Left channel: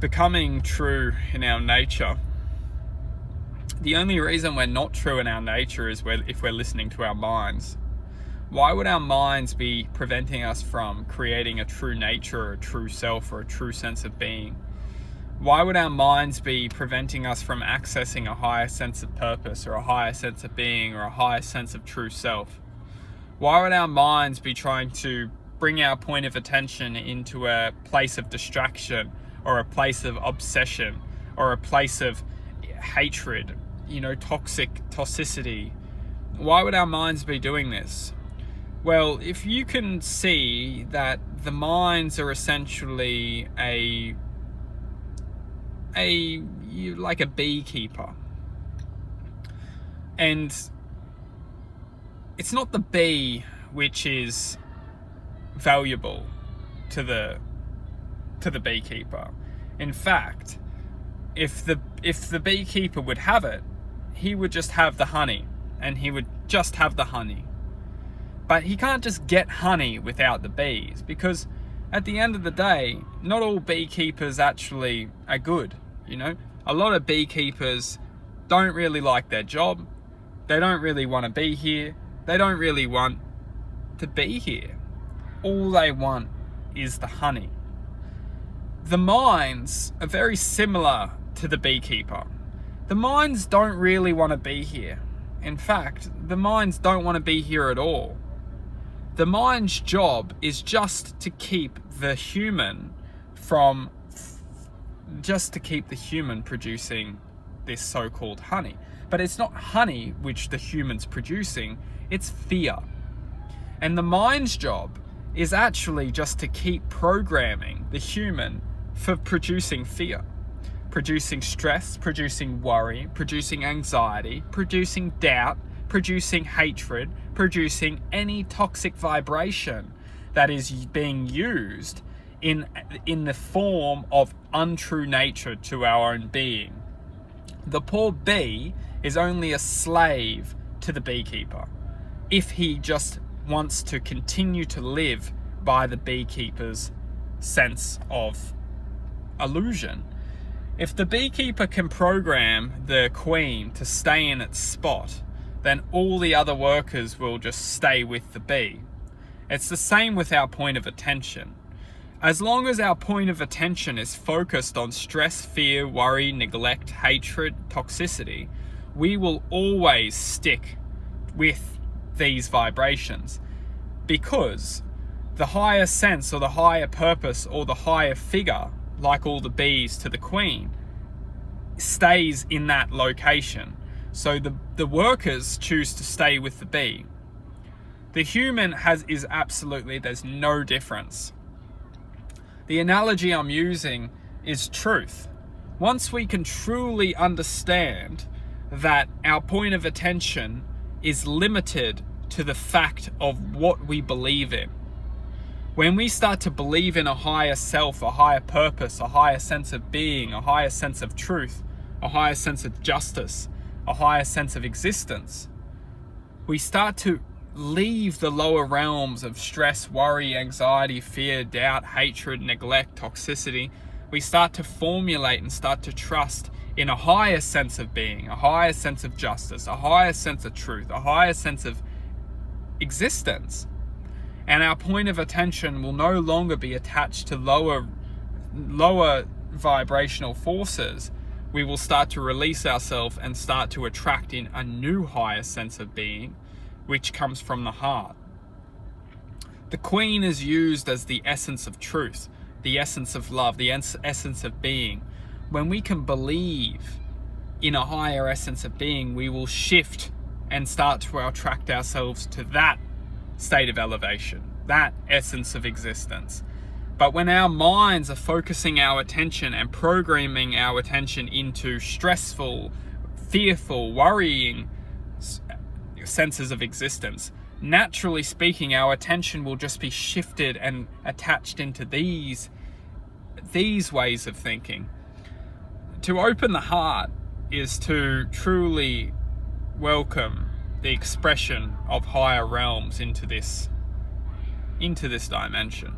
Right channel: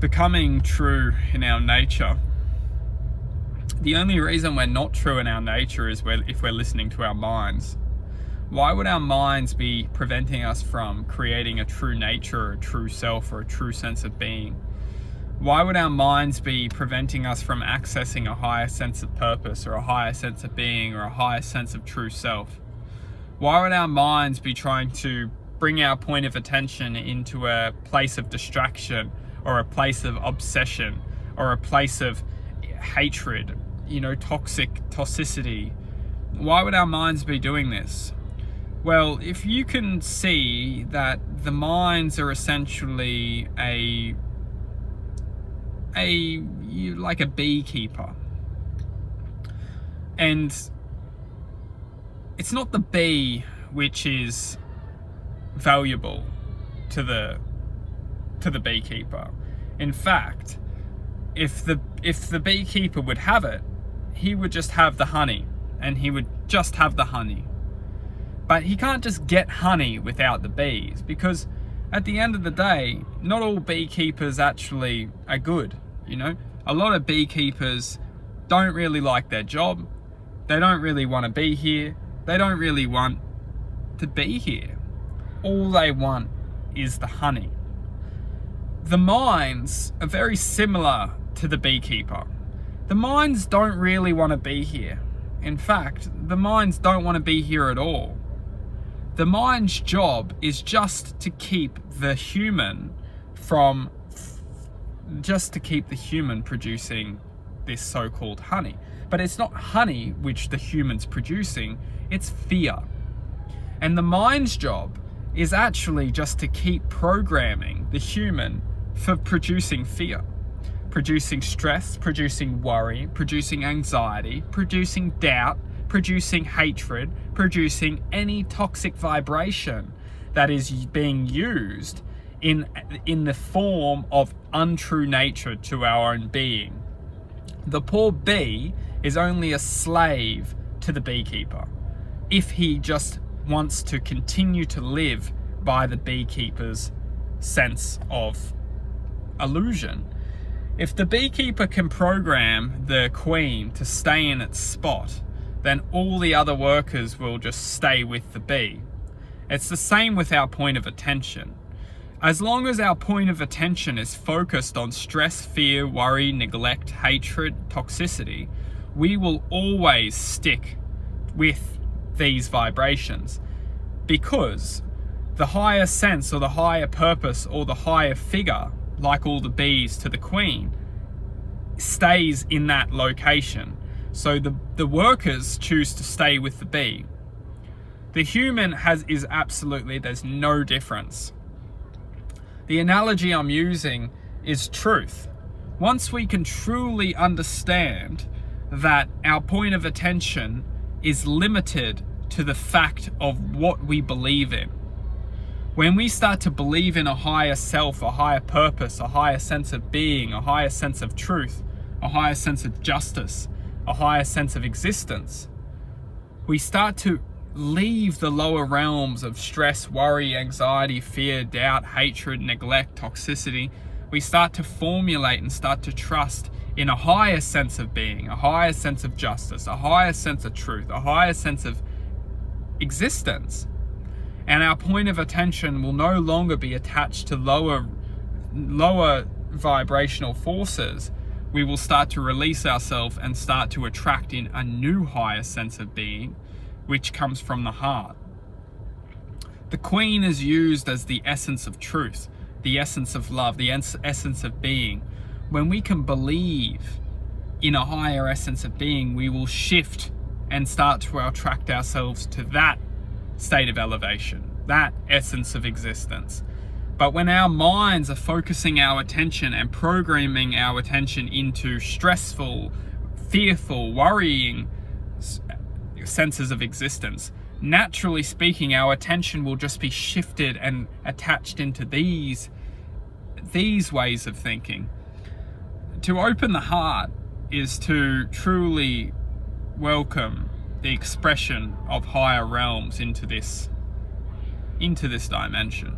becoming true in our nature, the only reason we're not true in our nature is if we're listening to our minds. Why would our minds be preventing us from creating a true nature, or a true self, or a true sense of being? Why would our minds be preventing us from accessing a higher sense of purpose, or a higher sense of being, or a higher sense of true self? Why would our minds be trying to bring our point of attention into a place of distraction, or a place of obsession, or a place of hatred, toxicity? Why would our minds be doing this? Well, if you can see that the minds are essentially like a beekeeper, and it's not the bee which is valuable to the beekeeper. In fact, if the beekeeper would have it, he would just have the honey, and he would just have the honey. But he can't just get honey without the bees, because at the end of the day, not all beekeepers actually are good. A lot of beekeepers don't really like their job. They don't really want to be here. They don't really want to be here. All they want is the honey. The minds are very similar to the beekeeper. The minds don't really want to be here. In fact, the minds don't want to be here at all. The mind's job is just to keep the human producing this so-called honey. But it's not honey which the human's producing, it's fear. And the mind's job is actually just to keep programming the human for producing fear, producing stress, producing worry, producing anxiety, producing doubt, producing hatred, producing any toxic vibration that is being used in the form of untrue nature to our own being. The poor bee is only a slave to the beekeeper if he just wants to continue to live by the beekeeper's sense of illusion. If the beekeeper can program the queen to stay in its spot, then all the other workers will just stay with the bee. It's the same with our point of attention. As long as our point of attention is focused on stress, fear, worry, neglect, hatred, toxicity, we will always stick with these vibrations, because the higher sense, or the higher purpose, or the higher figure, like all the bees to the queen, stays in that location. So the workers choose to stay with the bee. The human is absolutely, there's no difference. The analogy I'm using is truth. Once we can truly understand that our point of attention is limited to the fact of what we believe in, when we start to believe in a higher self, a higher purpose, a higher sense of being, a higher sense of truth, a higher sense of justice, a higher sense of existence, we start to leave the lower realms of stress, worry, anxiety, fear, doubt, hatred, neglect, toxicity. We start to formulate and start to trust in a higher sense of being, a higher sense of justice, a higher sense of truth, a higher sense of existence. And our point of attention will no longer be attached to lower vibrational forces. We will start to release ourselves and start to attract in a new higher sense of being, which comes from the heart. The queen is used as the essence of truth, the essence of love, the essence of being. When we can believe in a higher essence of being, we will shift and start to attract ourselves to that state of elevation, that essence of existence. But when our minds are focusing our attention and programming our attention into stressful, fearful, worrying senses of existence, naturally speaking, our attention will just be shifted and attached into these ways of thinking. To open the heart is to truly welcome the expression of higher realms into this dimension.